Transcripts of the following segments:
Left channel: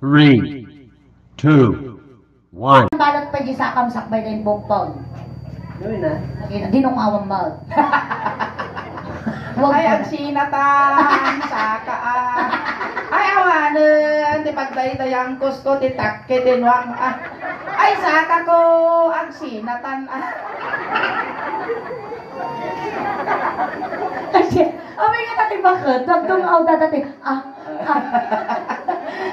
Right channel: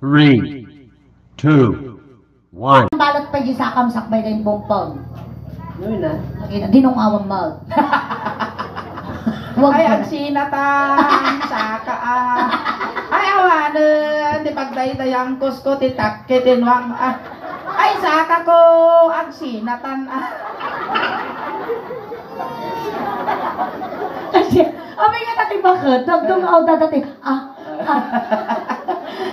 3, 2, 1. Balot pa di sakam sakbay na yung bumpong. Ano na? Dinong awang mal. Ay, ang sinatan, sakaan. Ay, awanan, di pagdaydayang kusko, titakke, tinwang, Ay, saka ko, ang sinatan, Abay nga natin bakit? Nagtungaw dati.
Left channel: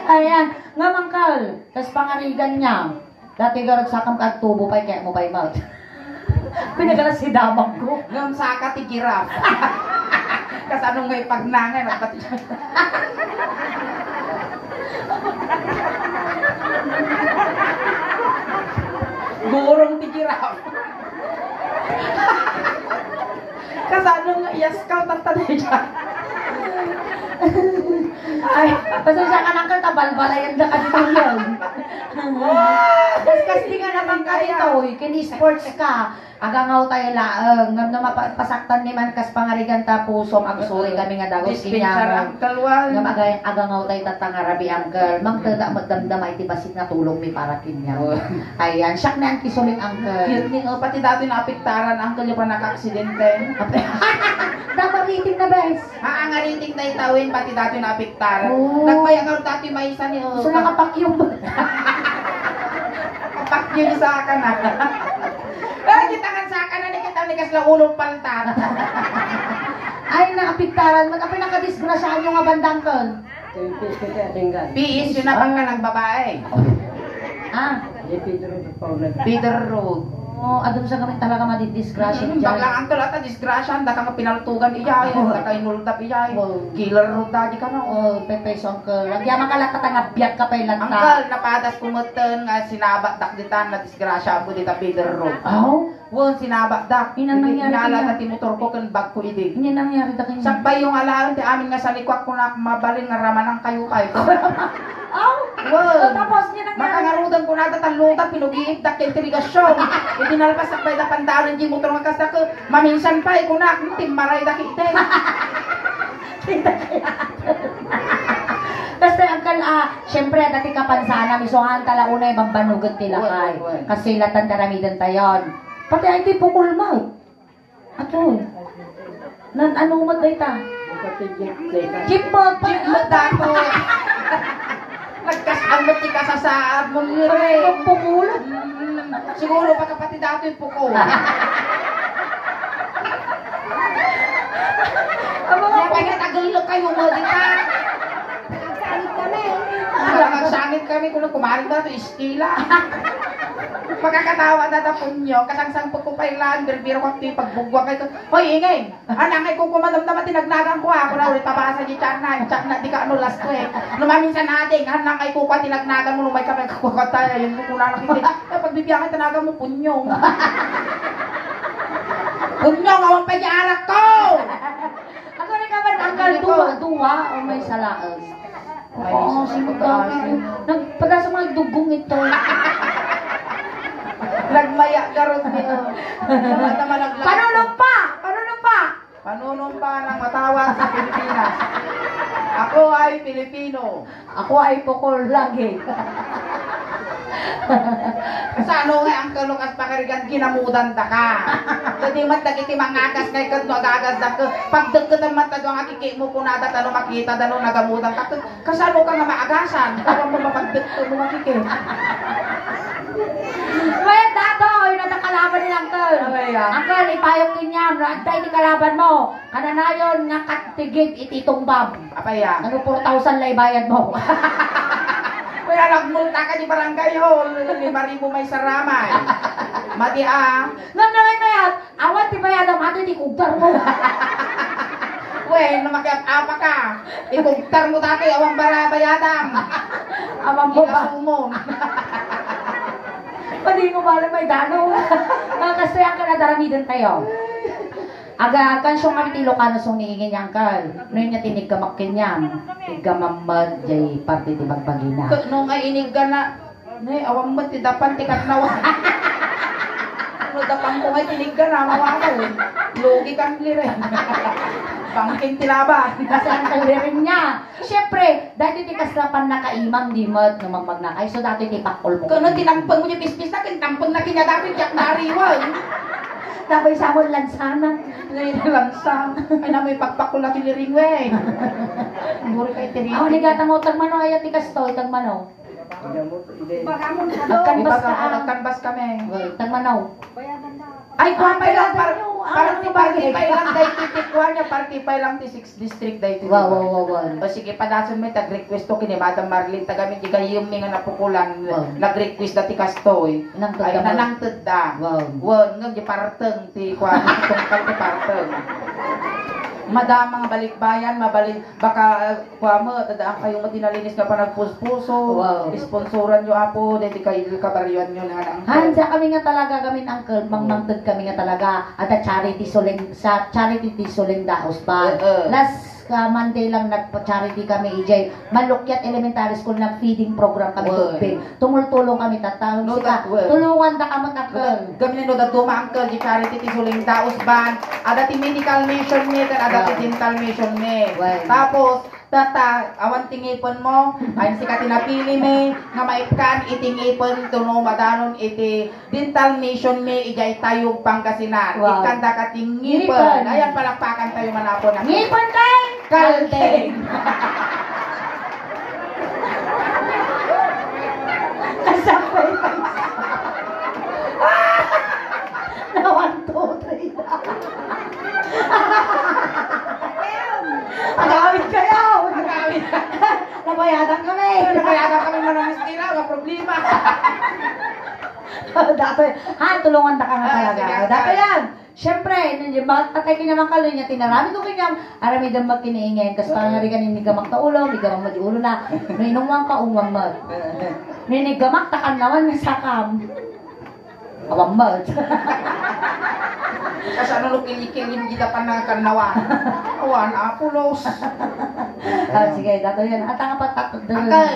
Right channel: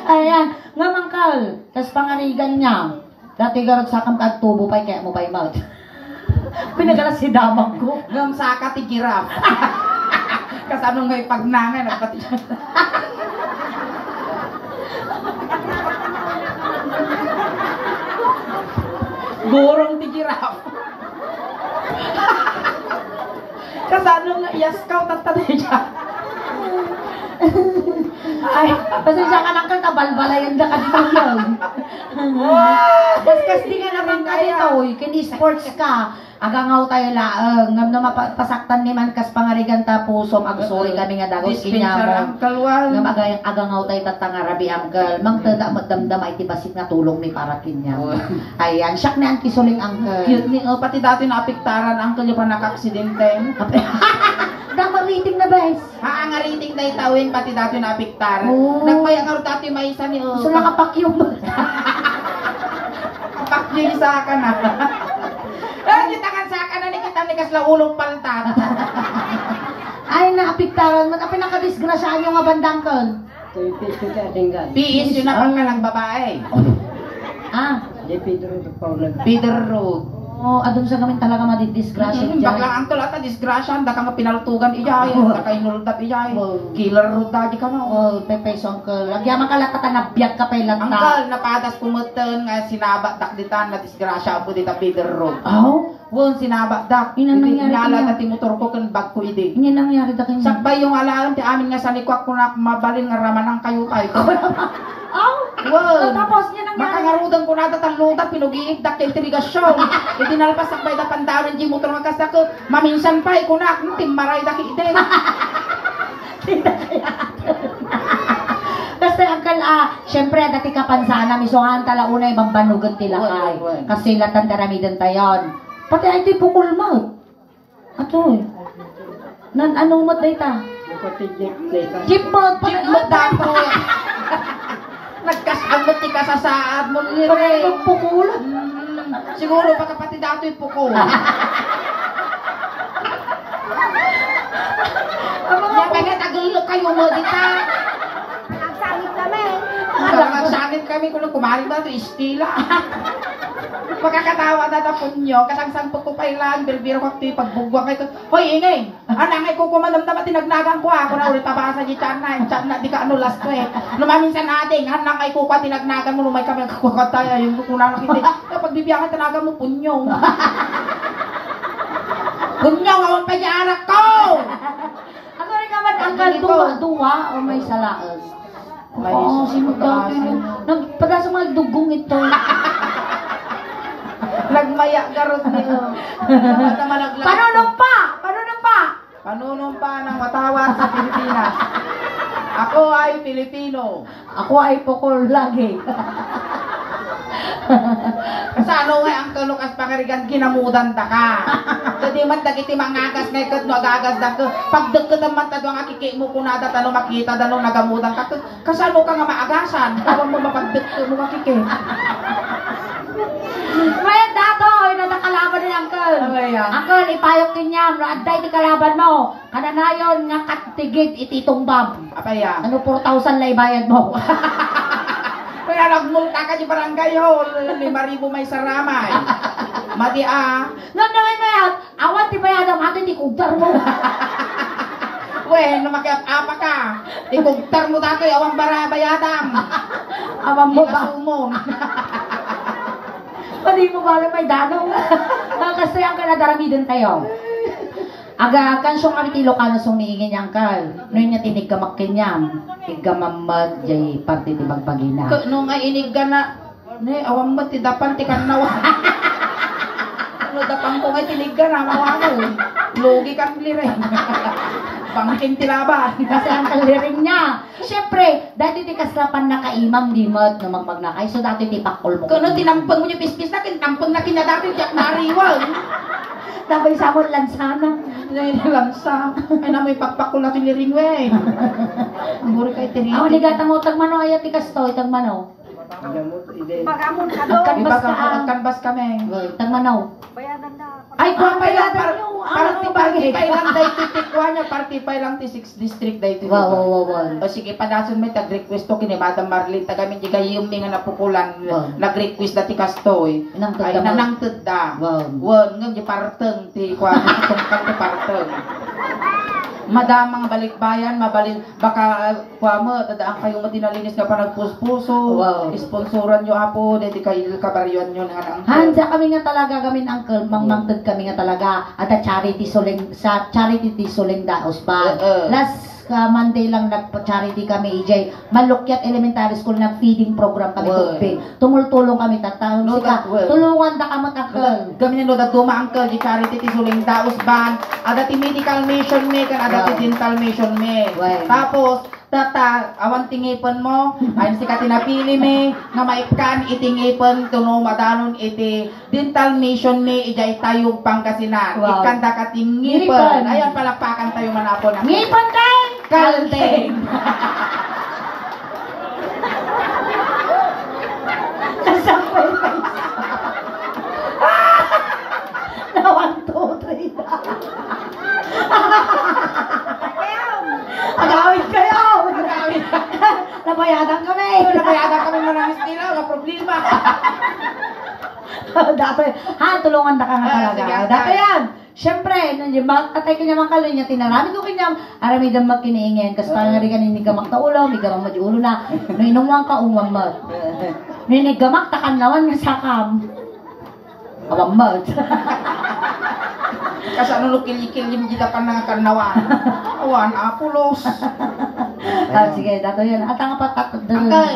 Ayan, nga mangkal. Tas pangarigan niya. Dati garot sakam kagtubo pa kaya mo pa'y mal. Pinagala si damang ko. ngam saka ti giraffe. Kas anong ngay pagnangay, nagpati siya. Gurong ti giraffe. Kas anong yaskaw, tatali siya. Ay, pasensya ka lang ka, balbalayan ka katang yun. Kas di ka naman ka rito, kini sports ka. Agangaw tayo laang, ngam na mapasaktan ni man kas pangarigan tapusom, agsuloy kami nga dagos Dispensar ang kalwal. ngam agangaw tayo tatangarabi angkel, mangtada magdamdam ay tibasit nga tulong ni para kinya. Ayan, siyak na ang kisuling angkel. Cute ni, pati dati naapiktaran ang kalya pa naka-aksidente. Dapat rating na bes. Ang ariting na itawin, pati dati naapiktaran. Oh. Nagmayang nga dati may isa ni So nakapakyong ba? Kapakyo ni sa akin na. Pero kita kan sa akin na ni kita ni kasla ulong paltat. Ay, naapiktaran mo. Kapag nakadisgrasyahan yung nga bandang kon. Piis yun na pang ka nagbabae. Ah, Peter Road. adun sa gamin talaga madidisgrasya ni Baklang ang tulata, disgrasya, da ka mapinaltugan iyay, da ka inultap iyay. Killer road da di ka na. Oh, pepeso angkel. Lagyan makalata ka nabiyag ka pa ilanta. Angkal, napadas pumuten nga sinabak dak ditan na disgrasya po dita Peter Road. Oh, Won sinabak dak. Inang nangyari Inala kanya? ta ti motor ko kan bag ko idi. hindi nangyari ta kanya. Sakbay yung alaan ti amin nga sa likwak ko na mabalin nga ramanang kayo kayo. Oh, Won. tapos niya nangyari. Makangarudan ko na talutan pinugiig dak yung tirigasyon. Itinalpas sakbay da pandalin di motor nga kasak maminsan pa ikunak timmaray dak ide. Kasi angkel syempre dati kapansana misuhan tala unay bambanugan tila kay. Well. Kasi latan daramidan tayon. Pati ay ti pukul mo. Ato. Nan ano mo data? Jeep mo pa. Jeep mo dapo. Nagkasamot ti kasasaad mo ni Ray. Pukul. Siguro baka pati dato yung puko. Pengen agilo kayo mo dita. Nagsangit kami. Nagsangit kami kung kumarin dato istila. Pagkakatawa na punyo, kasang ko pa ilan, birbiro ko ito pagbugwa kayo. Hoy, ingay! Anangay ko kumalamdam at tinagnagan ko ako na ulit tabasa di tiyan na, di ka ano last week. Lumamin sa nating, anangay ko pa tinagnagan mo, lumay kami kakukataya, yung kukulang nakita. Pagbibiyakan tanagan mo, punyo. Punyo, awang pa niya arak ko! Ano rin naman angkel duwa o may salaan? Oo, simutangin. Nagpada sa mga dugong ito. Nagmaya garot niyo. Panunumpa! Panunumpa! Panunumpa ng matawag sa Pilipinas. Ako ay Pilipino. Ako ay pukol lagi. Sa ano nga ang kalukas pakarigan kinamudan da ka. Jadi man dagiti mangagas ngay ket no agagas da ka. Pagdeket man ta do nga kiki mo kunada tano makita dano nagamudan ka. Kasano ka nga maagasan? Aron mo mapagdeket mo makiki. May dato, nadakalaban ni Uncle. Uncle, ipayong niya, raday ni kalaban mo. Kananayon nga katigid ititumbab. Apa ya? Ano 4,000 lay bayad mo? Kaya nagmulta ka di barangay ho. 5,000 may saramay. Mati Nagdawin mo yan, awat di bayad ang atin ikugdar mo. Weh, namakiat apa ka? Ikugtar mo dati awang barabayadam. Awang mo ba? Sumong. Pwede mo ba na may dano? Kasi ang kanadaramidan tayo. Aga kan siyong kami Ilocano song niingin niyang kal. Noon niya tiniggamak kinyam. Tiggamamad jay parte ti bagpagina. Nung ay iniga na, ne, awang mo ti dapan ti kanawa. Ano dapan ko ngay tiniga na, mawako. lugi kang liren. Bangking tilaban. Kasi ang kaliring niya. Siyempre, dati ti kaslapan na kaimam di mo numagmag na kayo. So dati ti pakol mo. Kano tinampang mo niya pispis na tampang na kinadapin tiyak na ariwan. Tapos sa mo lansana. Lansa. Ay na may pakpakul na kiliring we. Mura kay tiriti. Ako ni gata mo tagmano ayat ti kasto tagmano. Bagamon ka doon. Kanbas ka. Kanbas kami. Tagmano. Bayadan na. Ay, kung pa lang, Ano party pa lang, dahil titikwa niya, party pa lang, 6 district dahil titikwa. Wow. O sige, padason mo, tag-request to kini Madam Marlene, tagamin di kayo yung nga napukulan, nag-request na ti Kastoy. Ay, nanangtod da. Won, nga di parteng, ti kwa, tungkal ti parteng. Madamang balikbayan, baka kwa mo, tadaan kayo mo tinalinis nga pa nagpuspuso, sponsoran nyo apo, dahil kayo kabaryuan nyo nga ang Handa kami nga talaga kami uncle, mangmangtod kami nga talaga at a charity suling sa charity ti suling daos pa. Last Monday lang nagpa-charity kami EJ. Malukyat Elementary School nag-feeding program kami tugpin. Tumultulong kami tatang sika. Tulungan da kamo uncle. Kami na da duma uncle di charity ti suling daos ban. Ada ti medical mission me kan ada ti dental mission me. Tapos tata awan tingipon mo ay sika tinapili me nga maipkan itingipon tuno madanon iti dental mission me ijay tayo Pangasinan. Ikan da katingipon. Ayan palakpakan tayo manapon. Ngipon kay Kalteng. Kasapay pa. Na 1, 2, 3 na. Agawin kayo! Nabayadan kami! Nabayadan kami manamis nila, wala problema. Dato, tulungan na ka nga talaga. Sige, Dato yan! Siyempre, atay kinamang kaloy niya, tinarami ko kinyam, arami dam magkiniingin, kasi parang nga rin kanin nigamak na ulo, migamang madiulo na, no inungwang ka, umwang mat. No inigamak, takanlawan nga sakam. Awang mat. Kasi ano no kilikil kita pa ng karnawan. Awan, apulos. Sige, dato yan. At ang patat doon. Akal,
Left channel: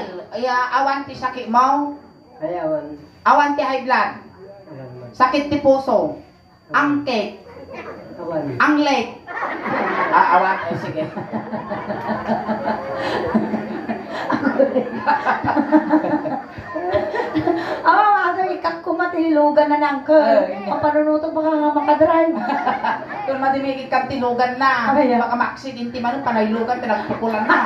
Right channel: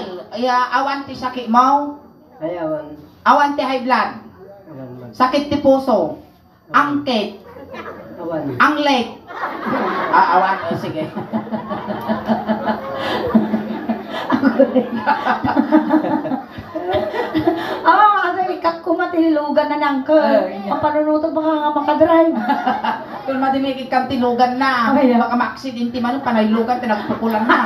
awan ti sakit mo, Ayawan. awan ti high blood, sakit ti puso, angket, Awan. anglet. Awan, sige. Ano, ikat ko matinilugan na nang ka. Papanunuto baka nga makadrive. Kung madimikit kang tinugan na, baka ma-accidente man, panaylugan, pinagpukulan na.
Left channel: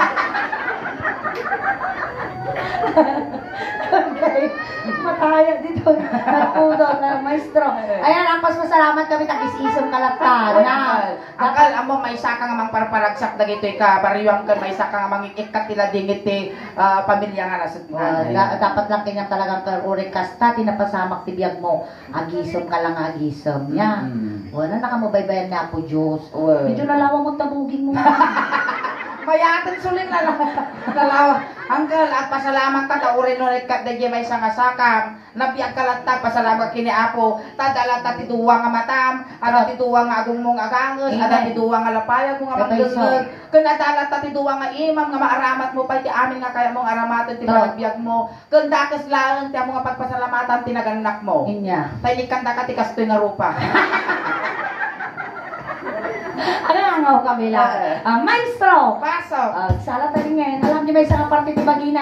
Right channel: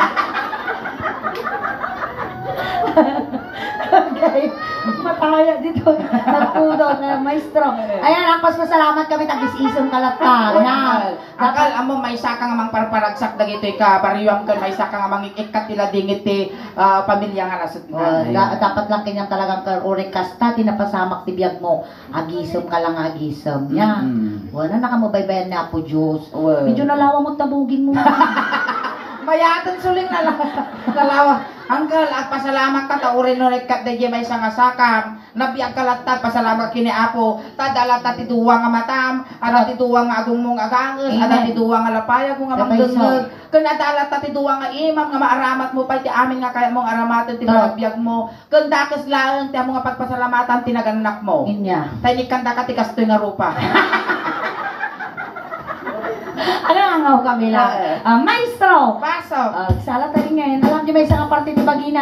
Okay. Mataya dito. Nagpudo na maestro. Ayan, ang pasasalamat kami tag-isisong kalatan. Akal, amo may saka nga mang parparagsak dagito ka, pariwang ka may saka nga mang ikat tila dingit ti pamilya nga nasud nga. Dapat lang kanyang talagang karurik kasta, tinapasamak ti biyag mo. Agisom ka lang, agisom. Yan. Wala na ka mo baybayan na po, Diyos. Medyo nalawa mo tabugin mo. Mayatan suling nalawa. Angkel, at pasalamat ka ta urin no ikat dayjay may nga sakam. Nabiag kalatag pasalamat kini Apo. Tadala ta ti duwa nga matam, ada ti duwa nga agong mong aganges, ada ti duwa nga lapayag mo nga magdengeg. Kun adala ta ti duwa nga imam nga maaramat mo pa ti amin nga kaya mong aramatan ti biag mo. Kun dakes laeng ti amo nga pagpasalamatan tinaganak mo. Inya. Tayo kanta ka ti kastoy nga rupa. Ano nga kami lang? Maestro! Pasok! Sala tayo ngayon. Alam niyo may isang parte ni Bagina.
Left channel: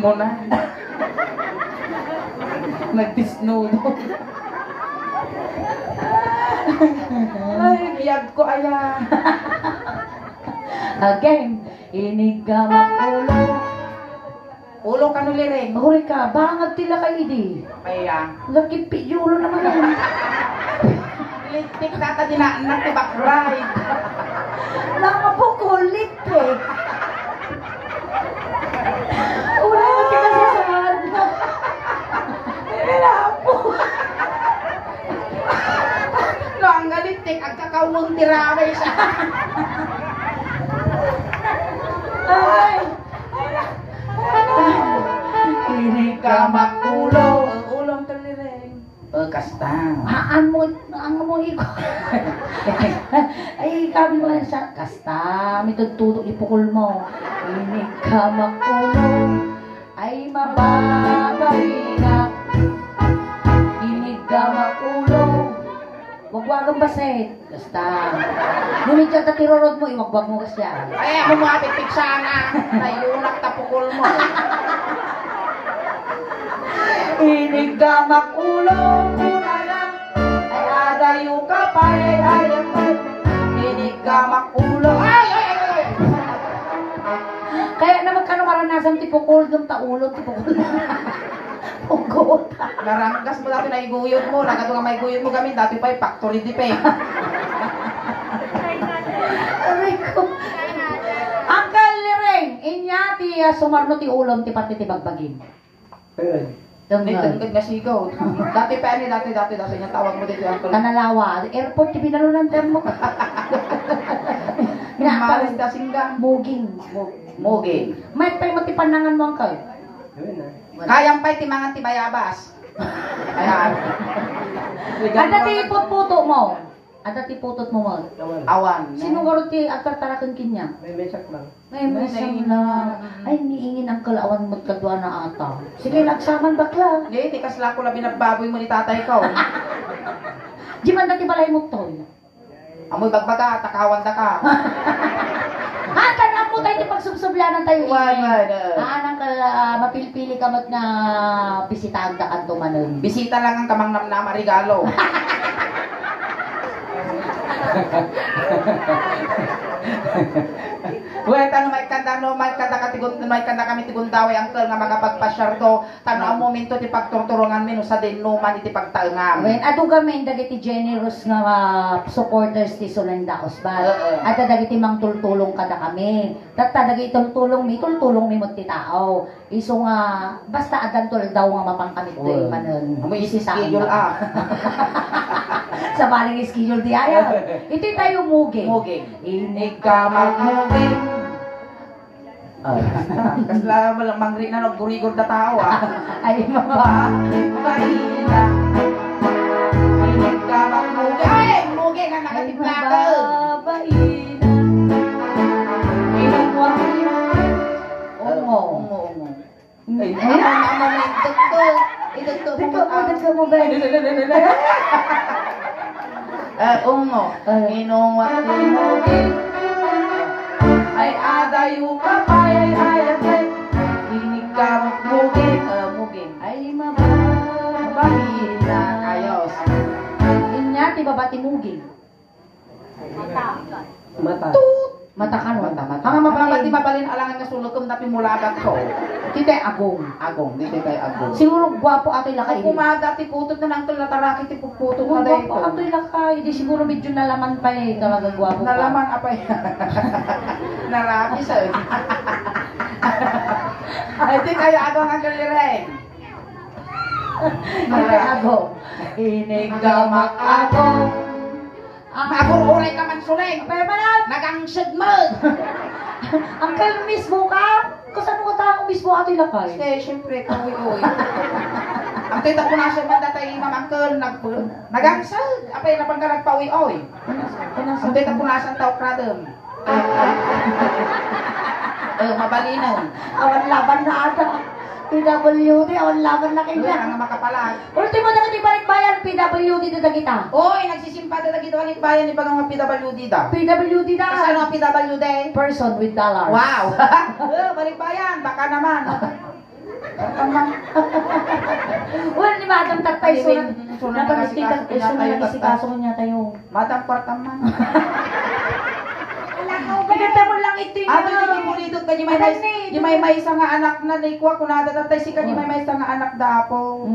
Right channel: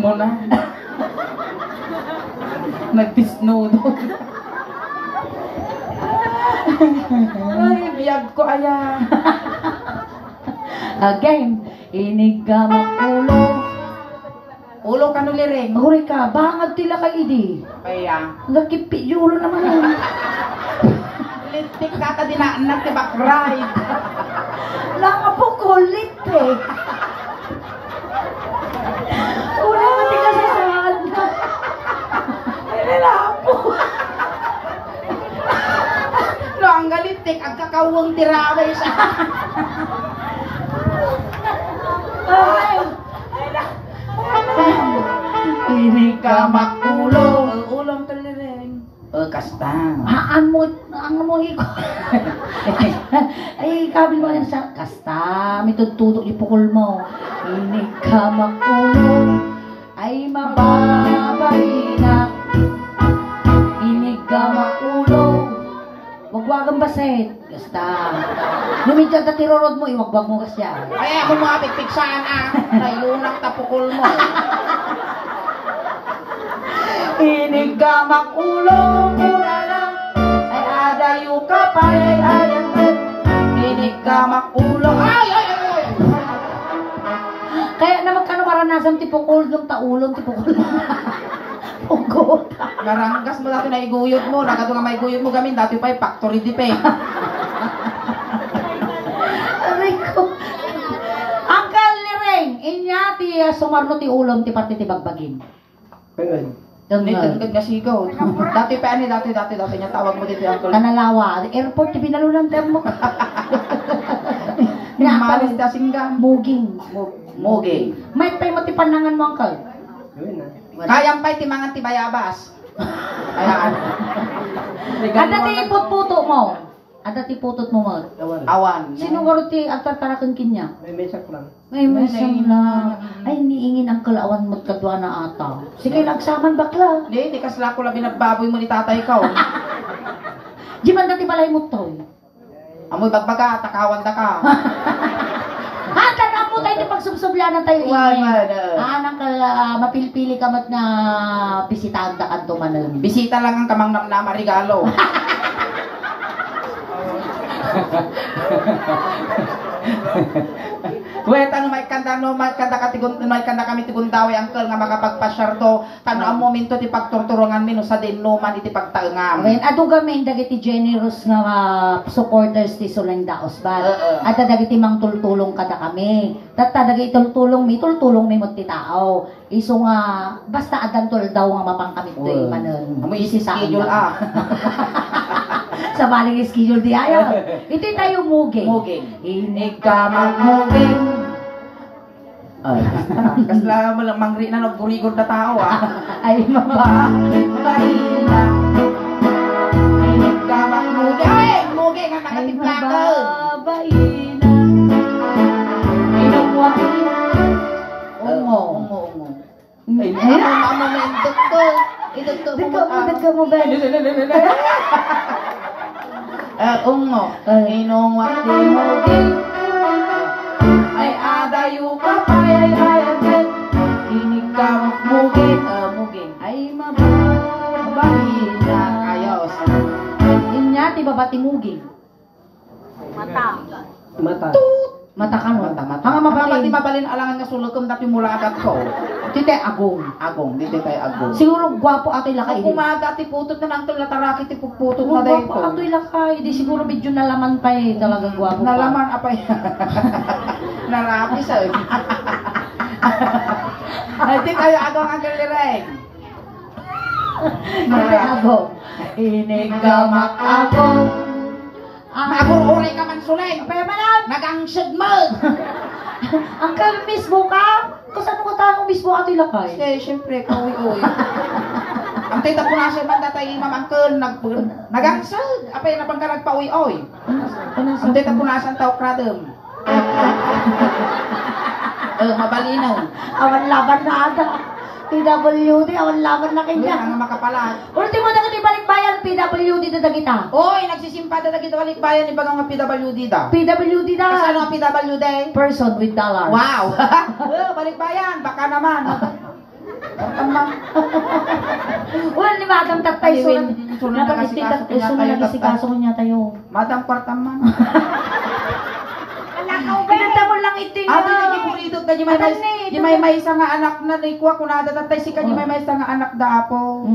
Mo na. Nagtisnudo. Ay, biyag ko aya. Again, inig ka makulo. Ulo ka nuliring. Huri ka, bangag tila ka idi. Kaya. Nakipi, ulo naman. Lintik ka ka dinaanak ti backbride. Nakapukulit eh. ulong tiraway siya. Ini ka makulo. Ulong kalireng. Kasta. Ang mo iko. Ay, kabi mo yan siya. Kasta, may tutulog ipukul mo. Ini ka makulong. Ay, mababay na. Ini ka makulong. Wagwagang basit. Kasta. Lumidyan ka tirorod mo, iwagwag mo kasya. Ay, ako mo ating piksana. Tayunak tapukol mo. Ini ka makulong. Ulang. Ay, adayo ka pa. Ini ka makulong. Ay! Kaya naman ka maranasan tipukul yung taulong tipukul. Ugot. Maranggas mo dati na iguyot mo. Nagato nga may iguyot mo gamin. Dati pa yung factory di pa eh. Aray ko. Angkal ni Reng, inya ti sumarno ti ulom ti parte ti bagbagin. Ayun. Hindi, tagkag na sigaw. Dati pa ani, dati niya tawag mo dito yung uncle. Kanalawa, airport ti binalunan termo. Malis da singgang. Muging. Moging. May pay mo ti panangan mo angkal. Ayun na. Kayang pa'y timangan ti bayabas. Ayan. Ada ti puto mo. Ada ti putot mo mo. Awan. Awan. Sino garo ti agtatarakan kinya? May mesak lang. May masang na. Ay, niingin ang kalawan mo't kadwa na ata. Sige, nagsaman bakla. Hindi, di kasla ko lang binagbaboy mo ni tatay ko. Di man dati balay mo to. Amoy bagbaga, takawan da ka. Handa na mo tayo di pagsubsublanan tayo Why, ingin. Anang mapilpili ka mat na bisitahan da kanto manon. Bisita lang ang kamang namnama regalo. Wait, ano may kanda kami tigundaway angkel nga makapagpasyar to. Tanaw momento ti pagturturungan mi no sa denuman iti pagtaengam. Okay, ato gamin dagiti generous nga supporters ti Suleng Daos ba. At dagiti mang tultulong kada kami. Tatta dagiti tultulong mi mo ti tao. Iso nga basta adan tul daw nga mapangkamit do manon. Amoy schedule ah. Sa baling schedule di ayo. Ito tayo muging. Muging. Inig Ka magmuging. Ay, kasla mo lang mangri na nagburigod na tao ah. ay Mahina. Inig ka magmuging. Ay, muging ang nakatiplaka. mababaina. Inumwangin. Ungo. Ay, ano na ito ko. Ito ko mo ba? Ungo. Inumwangin muging. Ay adayo ka pa ay inig ka muging Ay mababaina. ayos Inya ti babati muging. Mata. Mata ka no? mata Hanga mabalin. mabalin alangan nga sulukam dati mulagat ko Tite agong. dito tayo agong Siguro gwapo atoy lakay. kung kumaga ti putot na nang tulataraki ti putot na Gwapo dito atoy lakay. Di siguro medyo nalaman pa eh. Talaga gwapo pa. nalaman apay narapi sa ay di tayo agong ang galireng Ako. Inigamak ako. magururay ka man suleng Pero malam. nagangsig mo Uncle, mismo ka? Kasan mo tao mismo atoy lakay? eh syempre kawi-uwi ang tita po na siya man datay mamangkel nagangsig apay na pang nagpawi-uwi ang tita po na siya tao kradem mabalinaw Awan laban na ata. PWD, awan laban na wala kanya. nga makapalag Ultimo na kati balik bayan, PWD na kita. oy nagsisimpata na kita walit bayan ni bagang mga PWD daw PWD kasi na. ano ang PWD Person with dollars. wow balik bayan baka naman Wala ni Madam Tatay, so Sunod na napag-istikan, nasikaso so niya tayo, nag-istikaso niya tayo. madam kwartaman Pinanda mo lang ito ato yung pulidot ka di may isa nga anak na naikuha ko na datatay si ka di may isa nga anak dapo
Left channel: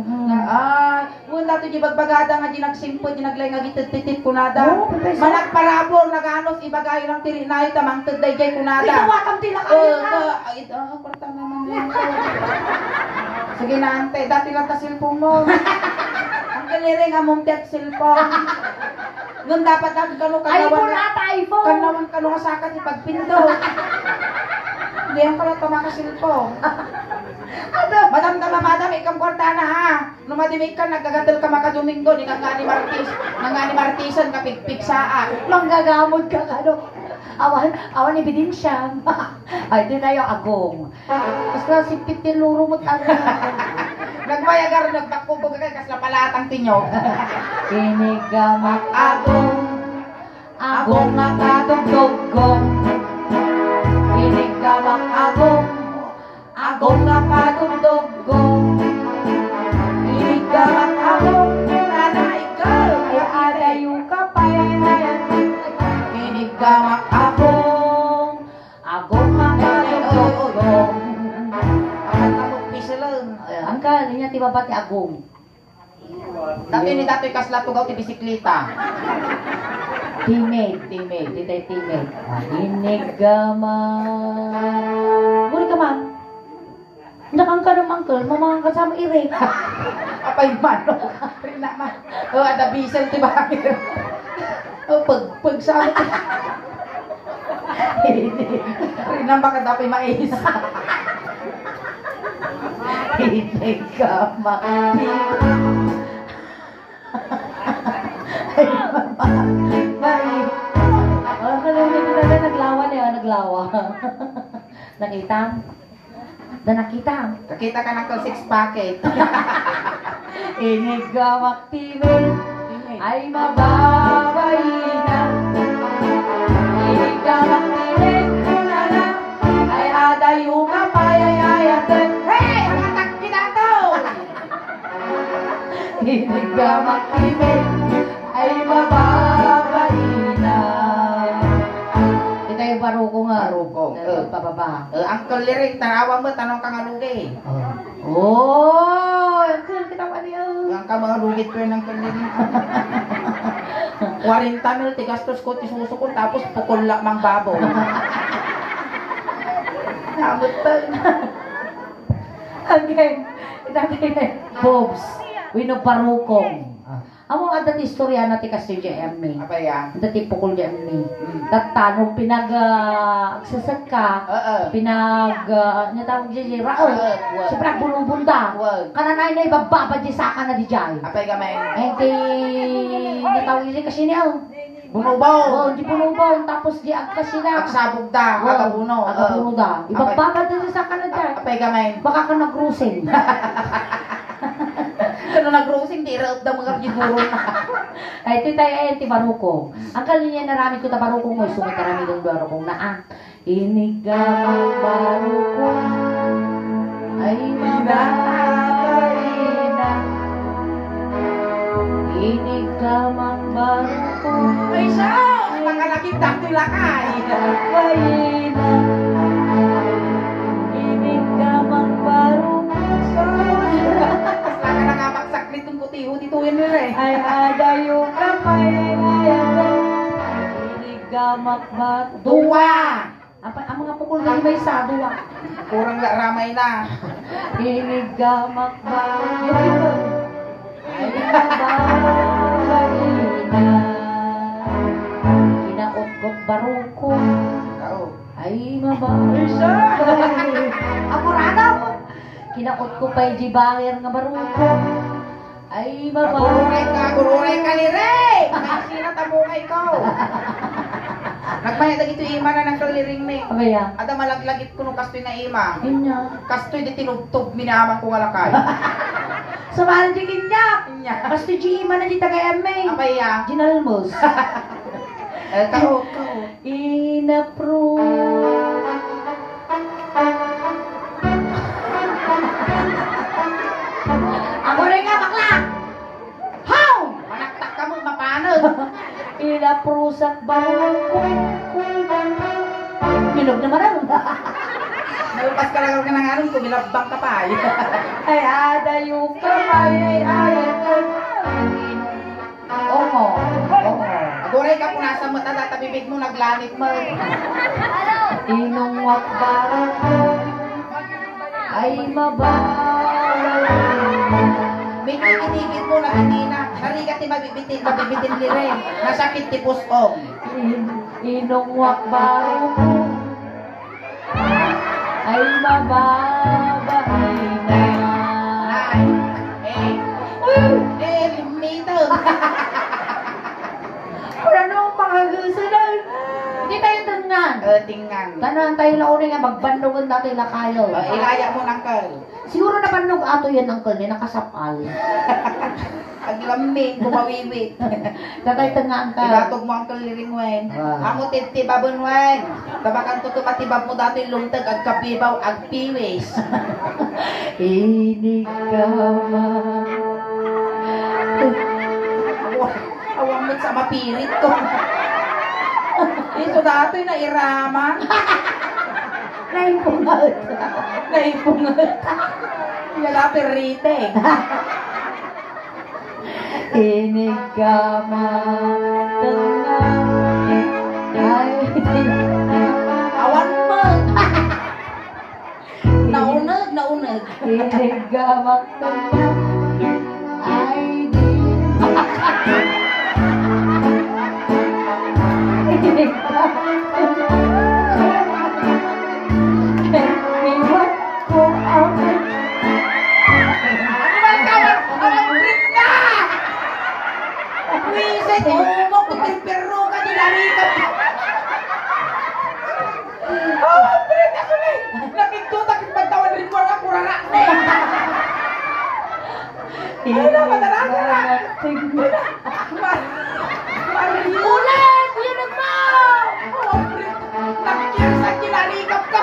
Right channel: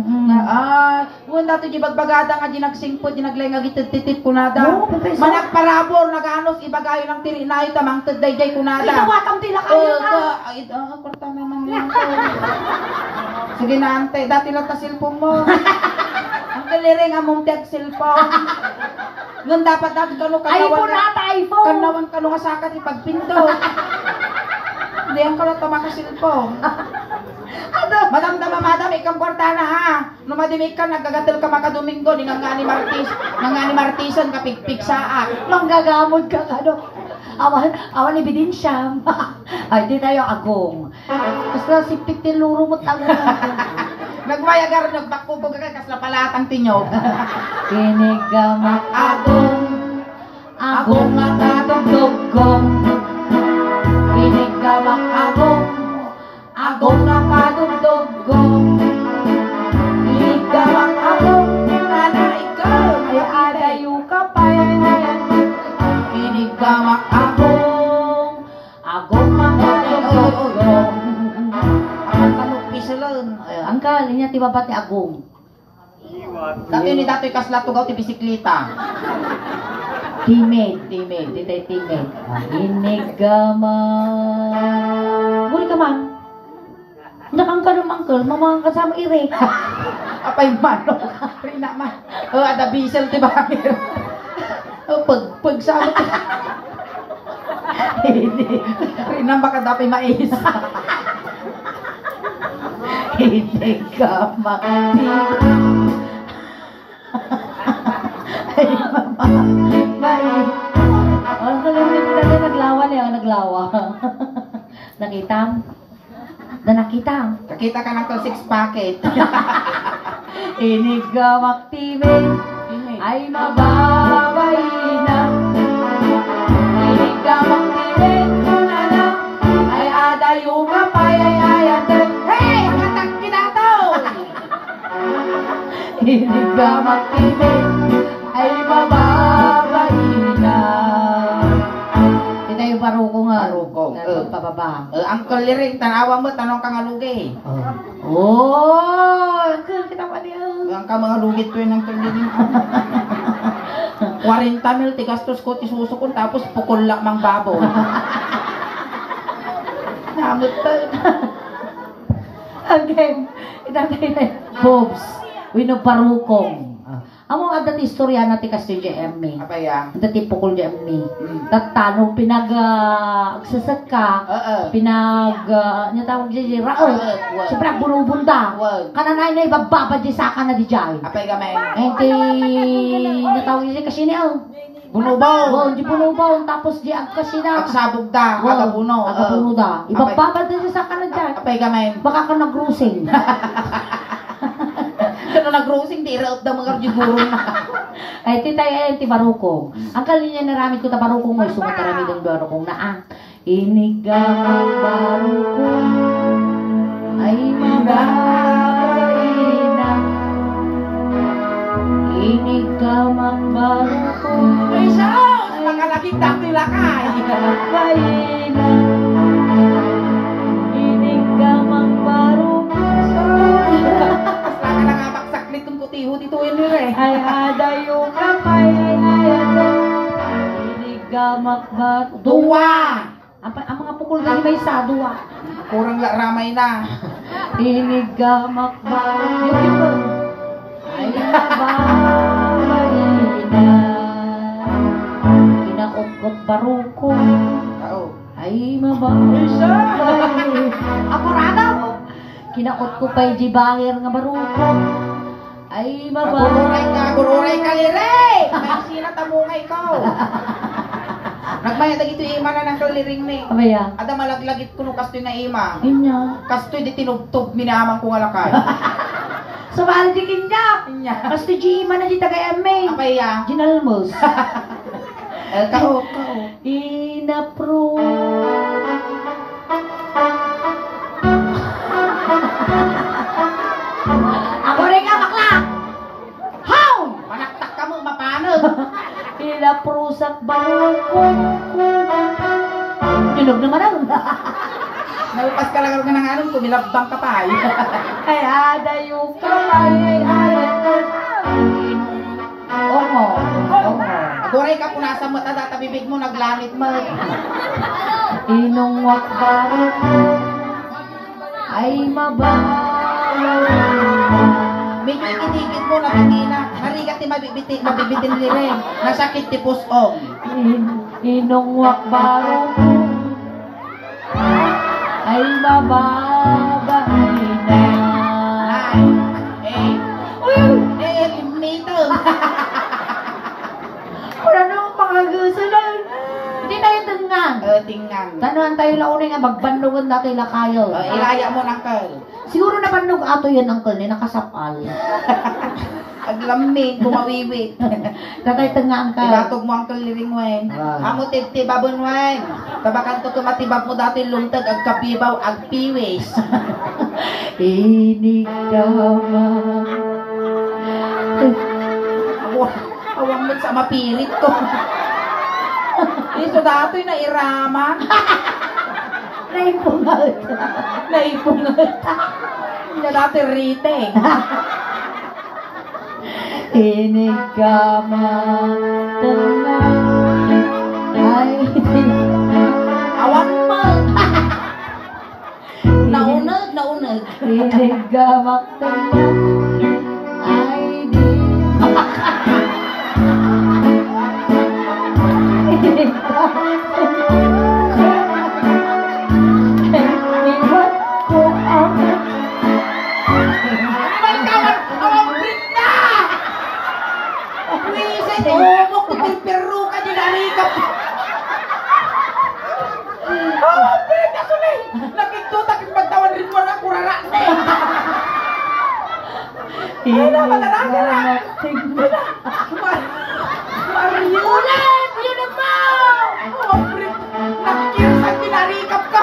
kung dato di bagbagada nga di nagsingpot di naglay nga gitititit ko na da Oo, pwede. manak parabor naganos ibagayo ng tiri na itamang tagday ko na da Pinawakam tila kayo na. kwarta naman lang sige na ante dati lang ta silpong mo ang galering among tiyak silpong Nung dapat natin kano iPhone ata, iPhone. kanawan kano nga sakat ipagpinto. Hindi ang kalat makasilpo. Ano? Madam madam ikang kwarta na ha. Numadimik ka nagagatal ka makadomingo ni ngani martisan ka pigpigsaa. Manggagamod ka ano. Awan ebidensya. Ay, di tayo agong. Basta si Pitiluro mo tanong. Nagmayagar nagbakubog ka kasla palatang tinyog. Kinigamak agong. Agong nga kadugdugong. Kinigamak agong. Agong nga kadugdugong. Kinigamak agong. Ana ikaw Ay adayo ka pa yan. Kinigamak Agong. Agong nga kadugdugong. apat na mo pisulon. Angkal, niya ti babat ni Agong. Tapi ni datoy kasla tugaw ti bisikleta. Teammate, ditay teammate. Inigama. Buli ka man. Nakangkal ng angkal, mamang kasama ire. Apay mano. Rina ma. Ada bisel ti bakir. Pag sama ti. Rina baka dapat mais. Inigama. Ay, mama. Bye. Ang kalimit ka naglawa niya, naglawa. Nakita? Nakita? Kakita ka ng six packet. Inigamak timin ay mababay na. Inigamak timin na ay adayo ka payayayatan. Hey! Katak kita to! Inigamak timin ay mababay na. Ito yung barukong nga. Barukong, Pababa. Uncle Lirik, tanawa mo, tanong ka nga lugi. Oh! Kita pa niya. Ang ka mga lugit ko yun Uncle Lirik. 40 mil, tigastos ko, tisusukon, tapos pukul lang mang baboy. Namot pa. Again, itatay na Bobs, wino parukong. Amo adat istorya na ti kasi JME. Apa yan? Dati pukul JME. Tatano sasad ka, niya tawag di rao. Siyempre bulubunda. Kananay na ibababa di saka na di jay. Apa yung gamay? Enti natawag di kasi niya. Bunubaw! Di punubaw, tapos di kasi na. Agsabog da, agabuno. Agabuno da. Ibababa di saka na jay. Apa yung gamay? Baka ka nag-cruising. Kano nag-rosing, di raot da mga siguro na. Ay, titay, ti barukong. Ang kalinya naramid ko ta barukong mo, sumatarami ng barukong na inigamang barukong ay mababay na. Inigamang barukong Ay, sus! Mga nakita nila kay. mababay na. Inigamang barukong Basta ka na nga magsaklit ng putiho dito yun eh. ay adayo kamay ay ayatan. Inigamak bat Duwa! ang mga pukul na may sa duwa. Kurang ramay na. Inigamak bat yun ay mababay na. Kinaukot barukong Tao. ay mababay. Apurado! Kinaot ko pa'y jibangir nga barukong ay mababay. Gururay ka lire! May sina tabungay ko. Nagmayad ito ima na ng kaliring ni. Abaya, Ada malaglagit ko nung kastoy na ima. yun niya. Kastoy di tinugtog minaman ko nga lakay. Sa mahal di kinyak. Inya. Basta Gima na di taga-MA. Apay ya? Ginalmos. Kao. Inapprove. Ako rin nga, bakla! How? Manaktak ka mo, mapano? Inaprusak balukong. Minog naman ano. Nalupas ka lang ng anong kumilabang ka pa. Ay, adayo ka. Ay. Omo. Goray ka punasan mo, tada tabibig mo, naglanit mo. Inong wakbarak ay mabawal na. Bitigit mo na hindi na. Narigat ti mabibitin lirin. Nasakit ti pusong. Inungwak baro ay mababangin na. Eliminator. Wala nang mga gusulan. Hindi tayo tungan. Tingnan. Tanan tayo launin nga magbandugan natin na kayo. Ilaya mo ng kal. Siguro na bandog ato yan ang ni nakasapal. Aglamig, kumawiwit. Tatay tungan ka. Ilatog mo ang kaliring wen. Amo tibabon wen. Tabakan to tumatibab mo dati lungtag ag kapibaw ag piwis. Ini kama. Awang mo sa mapirit ko. Ito dati na iraman. Naipungat. Naipungat. Hindi dati rite. Ini kama. Ay. Awan mo. Naunag. Ini kama. Ay di. Ini kama. Ulit! Yun ang mau! Nakikir sa kinarikap ka!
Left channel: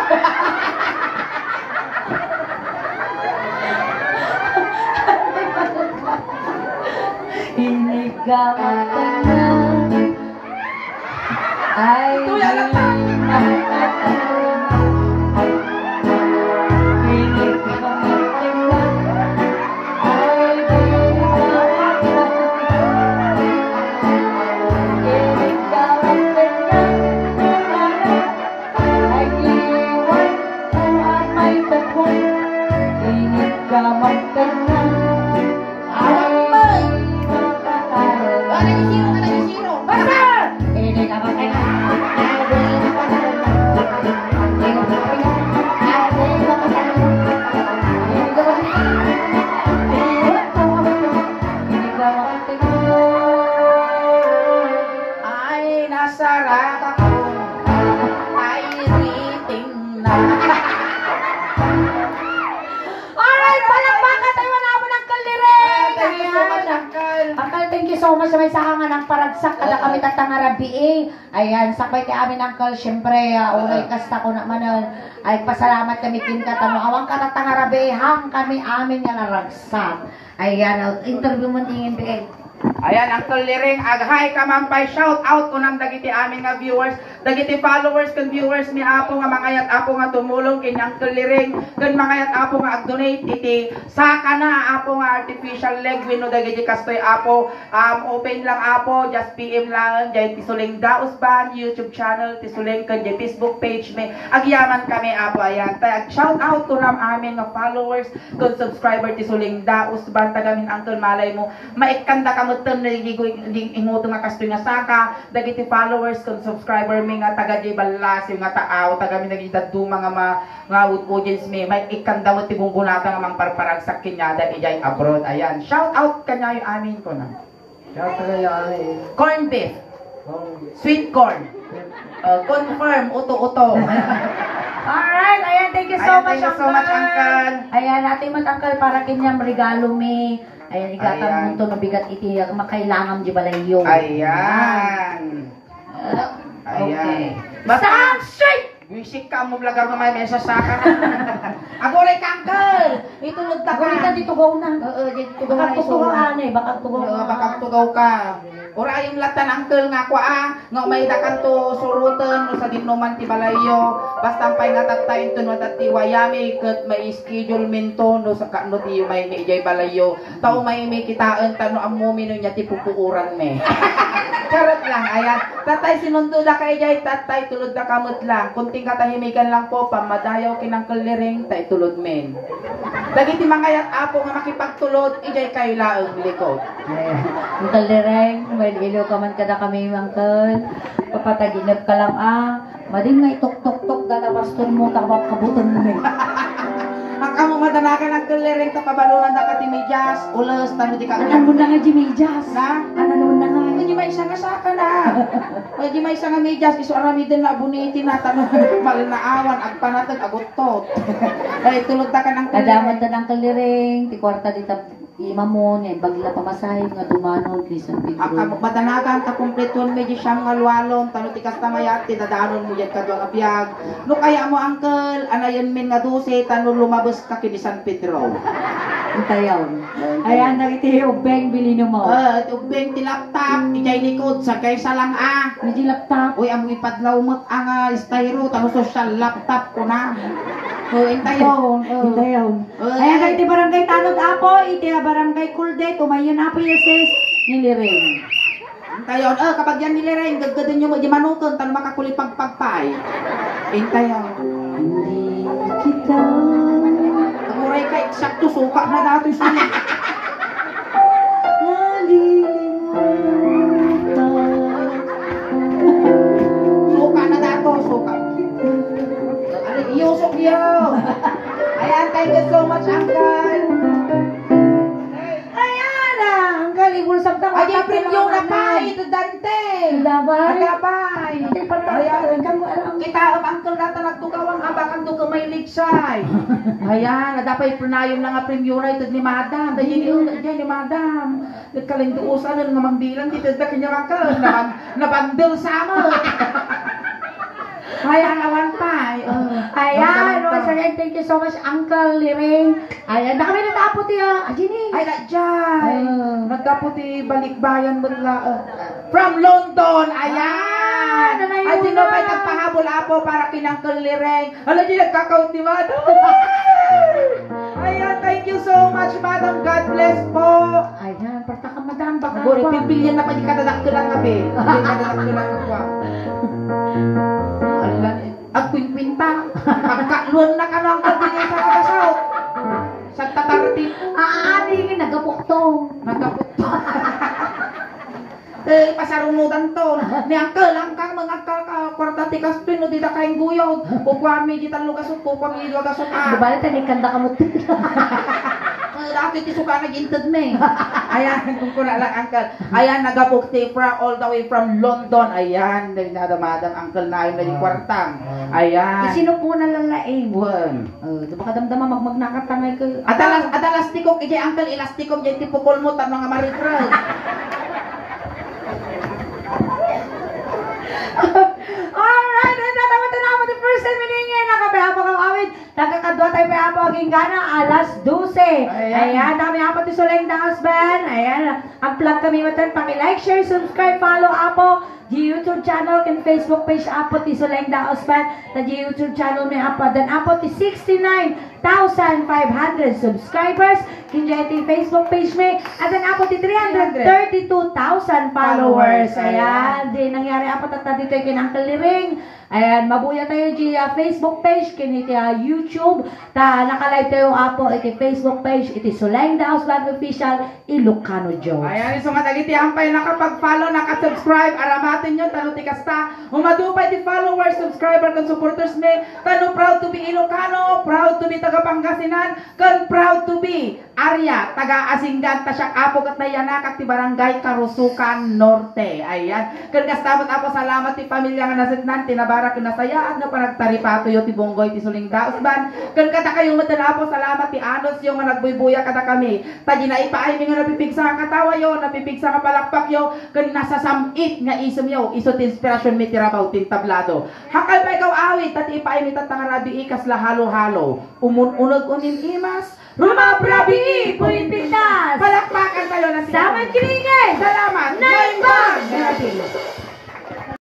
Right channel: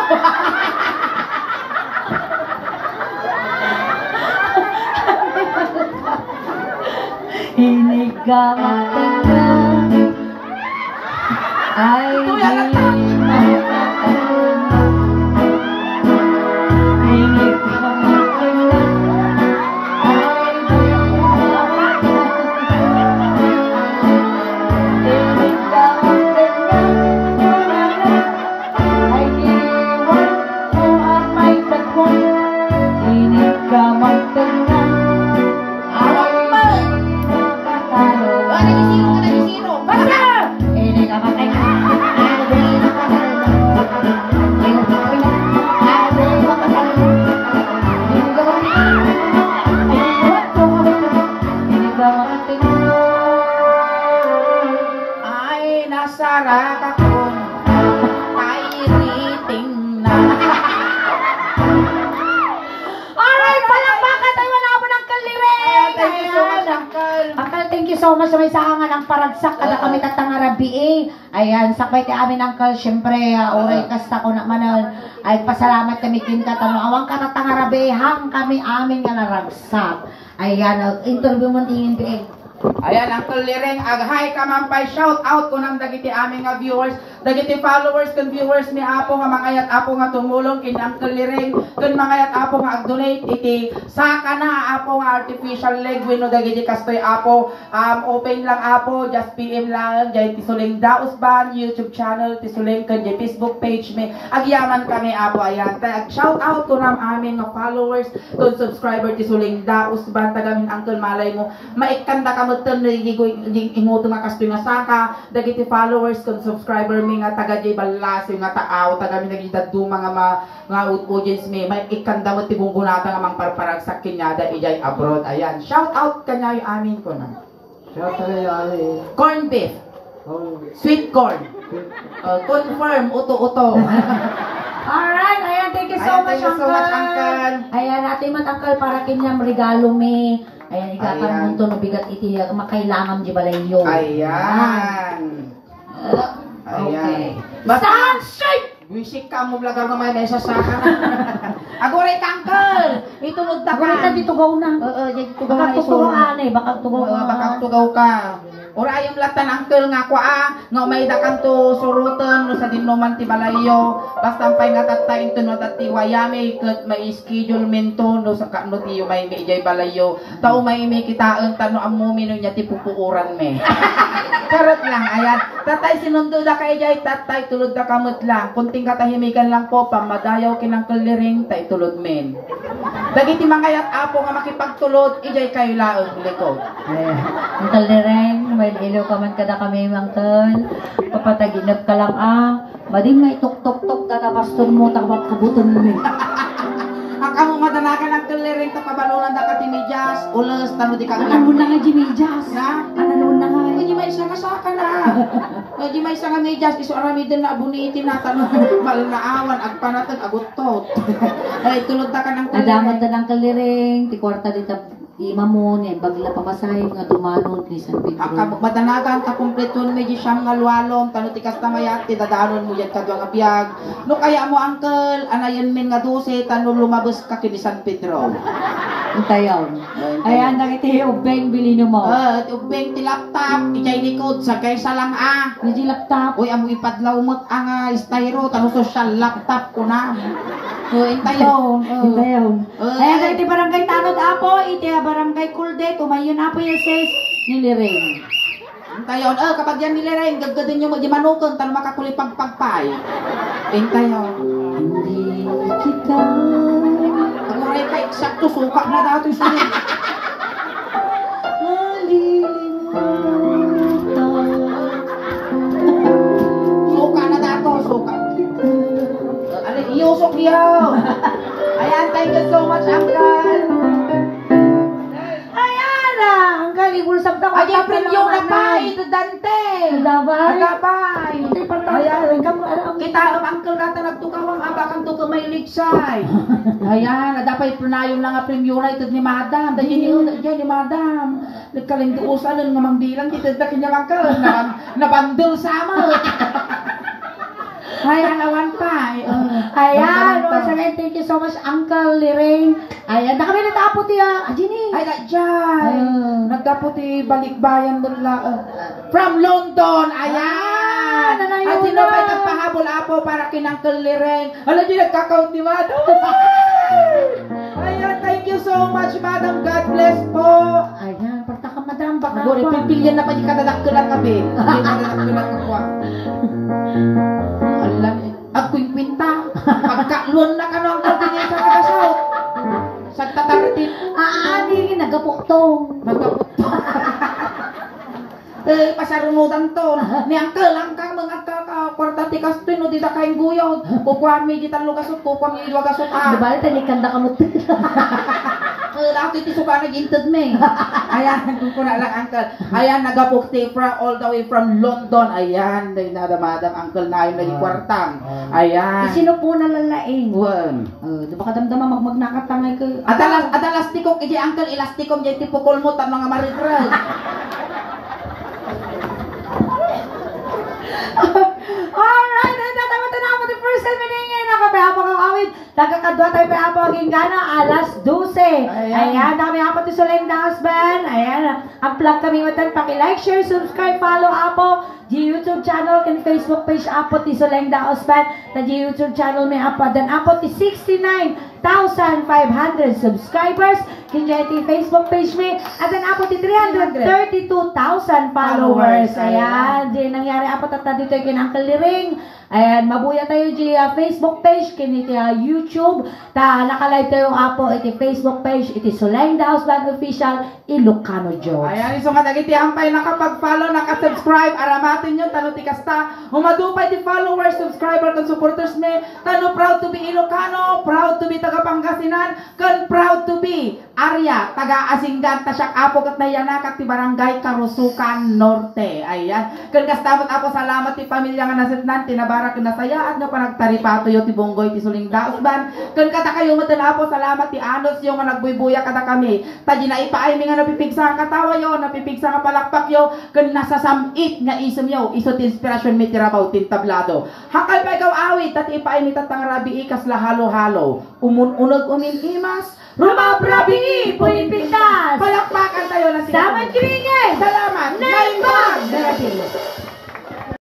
Ini kama tinggal. Ay di. Ini kama tinggal. Ay di. Ini kama tinggal. Ay di. Tuhan may pagkuhan. Ini kama tinggal. Ini kama tinggal. Ay, nasarak ako. Ay, riting na. Alright, palakpakan tayo mga mo ng kalireng! Thank you so much, Uncle. Uncle, thank you so much sa may sahangan ng paragsak kada kami tatangarabi eh. Ayan, sakbay ti amin Uncle, syempre, oray kasta ko naman ay pasalamat kami kinka tanong awang katatangarabi hang kami amin nga naragsak. Ayan, interview mo tingin di eh. Ayan, Uncle Liring, aghay ka mampay, shout out ko ng dagiti aming nga viewers, dagiti followers kan viewers ni Apo nga mangayat Apo nga tumulong kini Uncle Liring, kan mangayat Apo nga ag-donate iti saka na Apo nga artificial leg wino dagiti kastoy Apo, open lang Apo, just PM lang jay tisuling Daos Band YouTube channel, tisuling kan jay Facebook page may agyaman kami Apo. Ayan, tay shout out ko ng aming nga followers, kun subscriber tisuling Daos Band tagamin Uncle malay mo maikanta ka mutan na imoto nga kasto nga saka dagiti followers kung subscriber mi nga taga di balas yung nga taaw taga mi nagidaddu mga nga audience mi may ikanda mo tibong bunata nga mang parparag sa kinyada ijay abroad. Ayan, shout out kanya yung amin ko na Shout out kay Ali. corn beef, sweet corn, confirm uto-uto. Alright, ayan, thank you so much, Thank you so much, Uncle. Ayan, ating matangkal para kanyang regalo mi. Ayan, igatang Ayan. munto no bigat iti makailangan di balayo. Ayan. Okay. Basta Stand straight! wisik ka mo blaga nga may mesa saka. Agoray kangkel. Itulog ta ka. Agora ka dito gaw na. Oo, dito tugaw Baka na tugawan eh, baka tugawan. Baka tugaw ka. Ora yung latan angkel nga kwa nga may dakan to surutan no sa dinuman ti balayo. Basta pay nga tattayin to no tati wayami ket may schedule minto no sa kano ti may ijay balayo. Tao may kitaan tano ammo mino nya ti pupuuran me. Karot lang ayan. Tatay sinundo da kay ijay tatay tulod da kamot lang. Kunting katahimikan lang po pamadayaw kinang kaliring tay tulod men. Dagiti mangayat apo nga makipagtulod, ijay kayo laong likod. Uncle Lireng, may ilo ka man kada kami, Uncle. Papataginap ka lang Madim nga itok-tok-tok ka na pastor mo, takwak kabutan mo Ang kamo madanakan ang Lireng to kabalunan na katimedyas, ulos, tano di ka Ano mo na nga, Jimejas? Na? Ano mo na nga? Medyo may isa nga saka na. Medyo may isa nga medyas, iso aramidin na abuniti na tanong malinaawan, agpanatag, agutot. Ay, tulog ta ka ng Nadamot na ng Kalireng, ti kwarta dita imamon, bagla pamasahe nga dumanon ni San Pedro. Ang madanagan ka kumpleton medyo siyang ngalwalon, tano ti kastamayat, ti dadanon mo dyan ka dyan abiyag. No kaya mo, Uncle, anayon min nga 12, tanong lumabos ka kini San Pedro. Antayaw. Ayan, nakiti ubeng bilino mo. Ubeng ti laptop, ikay likod, sagay sa lang Medyo laptop. Uy, amo ipadlaw mo't ang styro, tanong social laptop ko na. Intayon. Antayaw. Ayan, nakiti barangay Tanod Apo, iti barangay Kulde, tumayon Apo yung sis ni Lireng. Intayon, kapag yan nilirain, gaggadin nyo mo, di manukon, tanong makakulipagpagpay. Intayon. Hindi kita. Aguray ka, eksakto, suka na dati siya. Suka na dato, suka. Ano, iyusok niyo. Ayan, thank you so much, Uncle. Ayan Uncle, ibulsag na Ay, yung preview na pa, ito Dante. Dabay. Agabay. Ayan, Kita ang Uncle nata nagtukaw ang abakan to kamay ligsay. Ayan, dapat pranayong na nga preview na ito ni Madam. Dahil ni Madam. Nagkalinduusan ng nga mangbilang dito na kanya Uncle. Nabandil sama. Ayan, awan pa. Ayan, once again, thank you so much, Uncle Lireng. Ayan, na kami natapot niya. Ajini. Ay, Jai. Nagkaputi balikbayan nila. From London. Ayan. At sino pa nagpahabol apo para kinangkel Lireng. Alam niyo, nagkakount ni Madam. Ayan, thank you so much, Madam. God bless po. Ayan, parta ka madam, baka Gori, pilpilyan na pa di kadadaktulan ka, be. Kadadaktulan ka po. Alam, agkwing-kwinta. Pagkaluan na ka ng kabinay sa kagasaw. Sa tatarati. Aani, nagapuktong. Nagkaputong. Pasarunudan to. Ni Uncle, ang kang mga kwarta tikas to, no, di na kain guyod. Kukwami, di talo gasot, kukwami, idwa gasot. Di ba, tanikanda ka mo. Dati ti suka na gintad me. Ayan, kung kuna lang, Uncle. Ayan, nagapukti all the way from London. Ayan, nagdadamadang Uncle na yun na yung kwartang. Ayan. Sino po nalalaing? Wan. Di ba kadamdama magnakatangay ka? Adalas tikok, ije Uncle, ilastikom, ije tipukol mo, tanong nga marigral. Alright, and naman the first time ngayon nakapahapon ang awit. Nagkakadwa tayo pahapon ang gana, alas 12. Ayan, dami hapon ti Soleng the Husband. Ayan, ang plug kami matan, paki-like, share, subscribe, follow apo. Di YouTube channel, kan Facebook page apo ti Soleng the Husband. Na di YouTube channel may apo. Dan apo ti 69,500 subscribers. Kinjay ti Facebook page may. At dan apo ti 332,000 followers. Ayan, di nangyari apo tata dito yung Uncle Lireng. Ayan, mabuya tayo di Facebook page, kiniti YouTube. Ta nakalive tayo apo iti Facebook page, iti Soleng the Husband Official, Ilocano Jokes. Ayan, iso nga dagiti ampay nakapag-follow, nakasubscribe, aramatin nyo, tano ti kasta. Umadupay ti followers, subscriber, kan supporters ni. Tano proud to be Ilocano, proud to be taga Pangasinan, kan proud to be Arya, taga Asinggan, tasyak apo kat nayanakat ti Barangay Karusukan Norte. Ayan, kan kastamat apo salamat ti pamilya nga nasitnan, tinabarak nasayaan nga panagtaripato yo ti Bonggoy ti Suling Dausban. Kan kata kayo matalapo salamat ti Anos yo nga nagbuybuya kada kami. Tadi na ipaay mi nga napipigsa nga katawa yo, napipigsa nga palakpak yo, kan nasasamit nga isem yo, iso ti inspirasyon mi ti rabaw ti tablado. Hakal pa ikaw awit at ipaay mi tatang rabi ikas la halo-halo. Umun-unod unin imas, rumabrabi puin pintas. Palakpakan tayo na sila. Salamat kinigay! Salamat! Naimang! Naimang!